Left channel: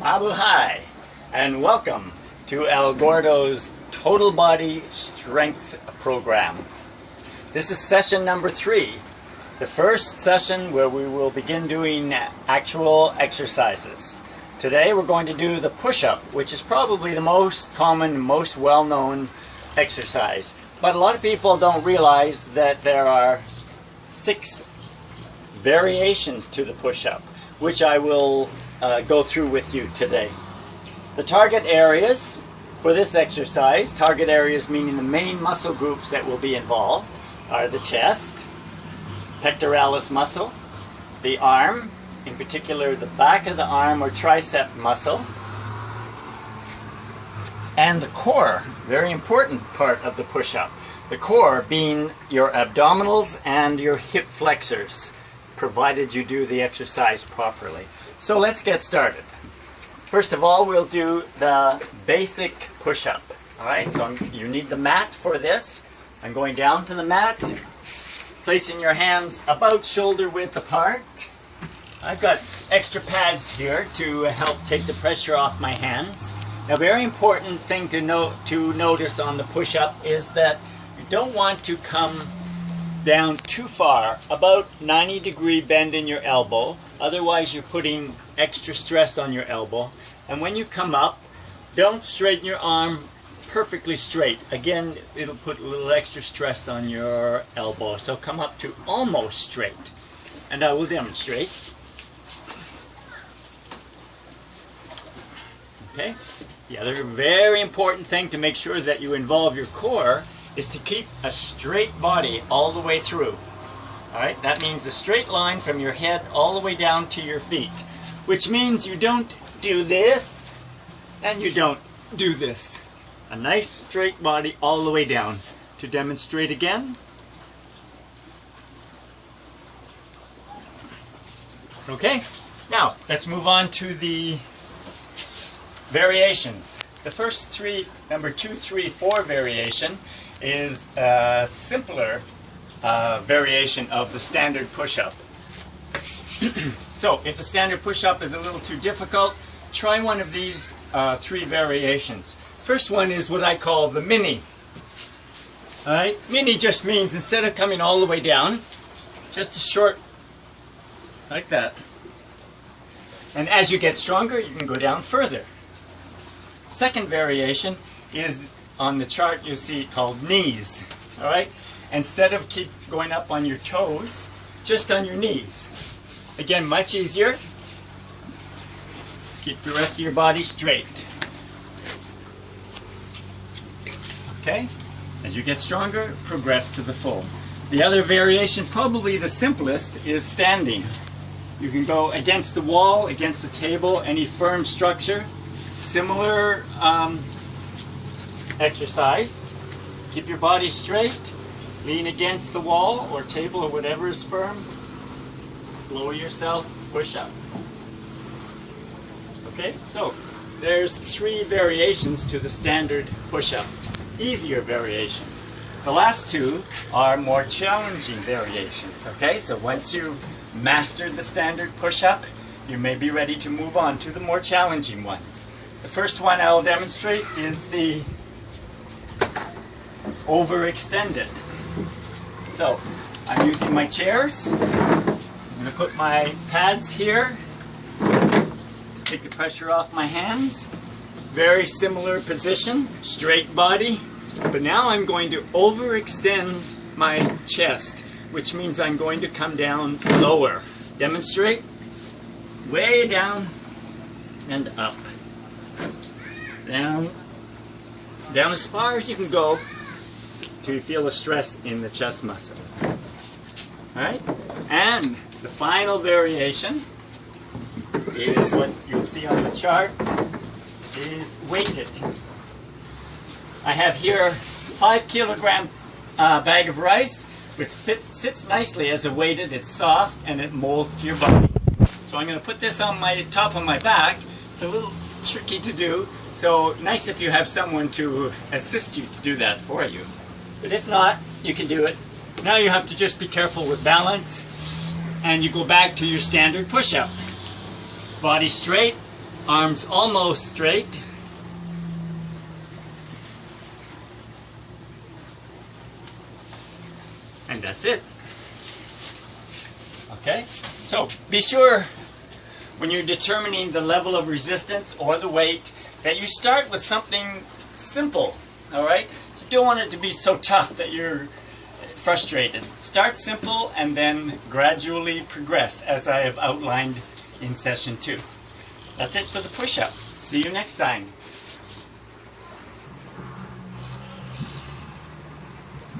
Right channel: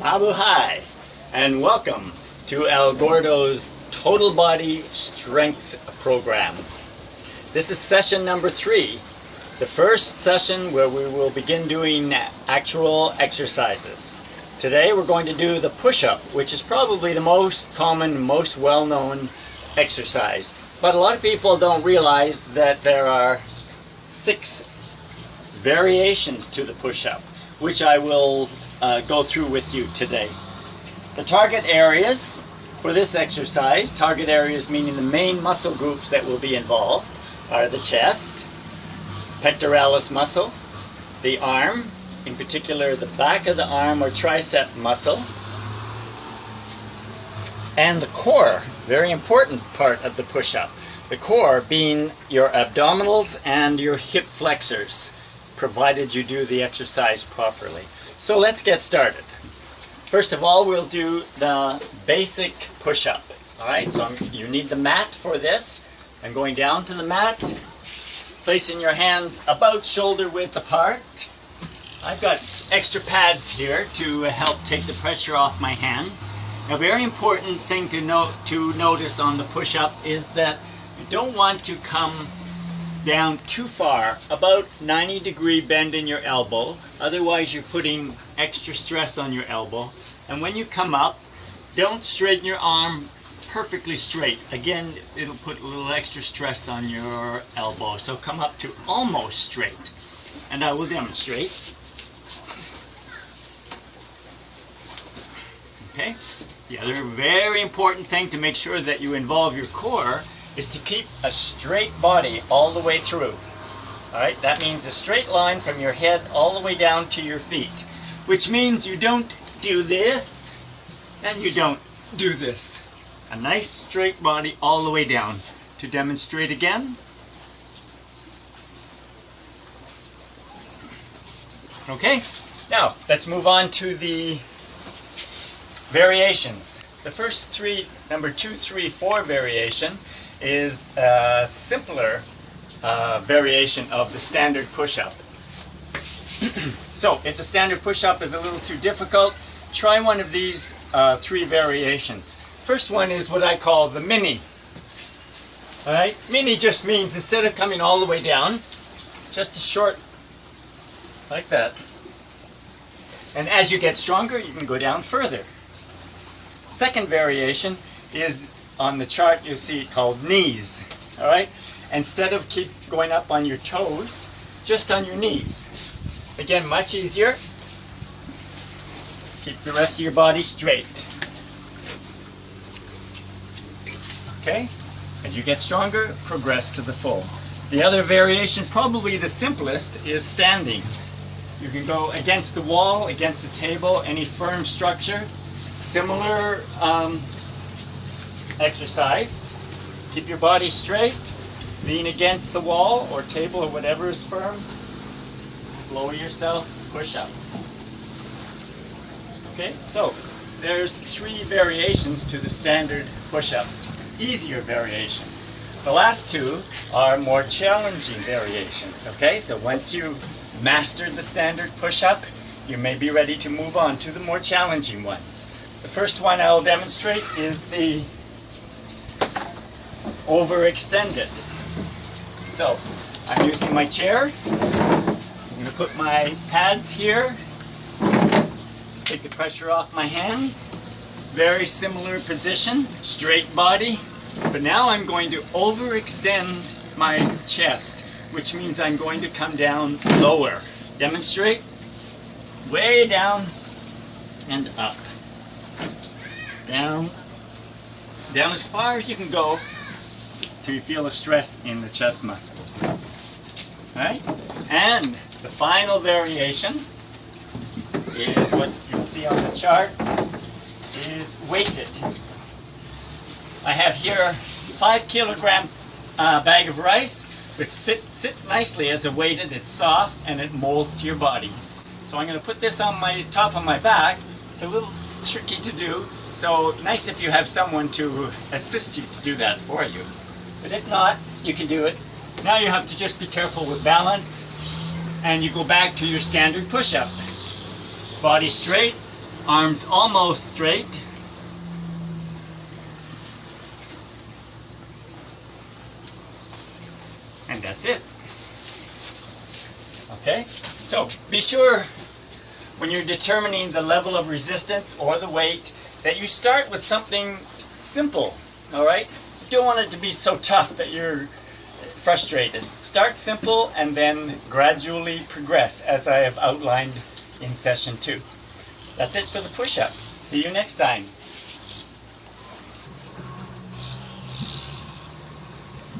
Mabuhay, and welcome to El Gordo's Total Body Strength Program. This is session number 3, the first session where we will begin doing actual exercises. Today we're going to do the push-up, which is probably the most common, most well-known exercise. But a lot of people don't realize that there are 6 variations to the push-up, which I will go through with you today. The target areas for this exercise, target areas meaning the main muscle groups that will be involved, are the chest, pectoralis muscle, the arm, in particular the back of the arm or tricep muscle, and the core, very important part of the push-up. The core being your abdominals and your hip flexors, provided you do the exercise properly. So let's get started. First of all, we'll do the basic push-up. Alright, so you need the mat for this. I'm going down to the mat, placing your hands about shoulder width apart. I've got extra pads here to help take the pressure off my hands. A very important thing to notice on the push-up is that you don't want to come down too far, about 90-degree bend in your elbow, otherwise you're putting extra stress on your elbow. And when you come up, don't straighten your arm perfectly straight. Again, it'll put a little extra stress on your elbow. So come up to almost straight. And I will demonstrate. Okay? The other very important thing to make sure that you involve your core is to keep a straight body all the way through. Alright, that means a straight line from your head all the way down to your feet. Which means you don't do this, and you don't do this. A nice straight body all the way down. To demonstrate again. Okay, now let's move on to the variations. The first 3, number 2, 3, 4 variation is a simpler variation of the standard push-up. So if the standard push-up is a little too difficult, try one of these 3 variations. First one is what I call the mini. Alright, mini just means instead of coming all the way down, just a short, like that. And as you get stronger, you can go down further. Second variation is on the chart you see called knees. Alright? Instead of keep going up on your toes, just on your knees. Again, much easier. Keep the rest of your body straight. Okay? As you get stronger, progress to the full. The other variation, probably the simplest, is standing. You can go against the wall, against the table, any firm structure. Similar exercise. Keep your body straight, lean against the wall or table or whatever is firm, lower yourself, push up. Okay, so there's 3 variations to the standard push-up, easier variations. The last 2 are more challenging variations. Okay, so once you've mastered the standard push-up, you may be ready to move on to the more challenging ones. The first one I'll demonstrate is the overextended. So I'm using my chairs. I'm going to put my pads here to take the pressure off my hands. Very similar position, straight body. But now I'm going to overextend my chest, which means I'm going to come down lower. Demonstrate. Way down and up. Down as far as you can go till you feel a stress in the chest muscle. Alright? And the final variation is what you see on the chart, is weighted. I have here a 5-kilogram bag of rice, which sits nicely as a weighted. It's soft and it molds to your body. So I'm going to put this on my top of my back. It's a little tricky to do. So nice if you have someone to assist you to do that for you. But if not, you can do it. Now you have to just be careful with balance, and you go back to your standard push-up. Body straight, Arms almost straight. And that's it. Okay? So be sure when you're determining the level of resistance or the weight that you start with something simple. Alright? You don't want it to be so tough that you're frustrated. Start simple and then gradually progress, as I have outlined in session 2. That's it for the push-up. See you next time.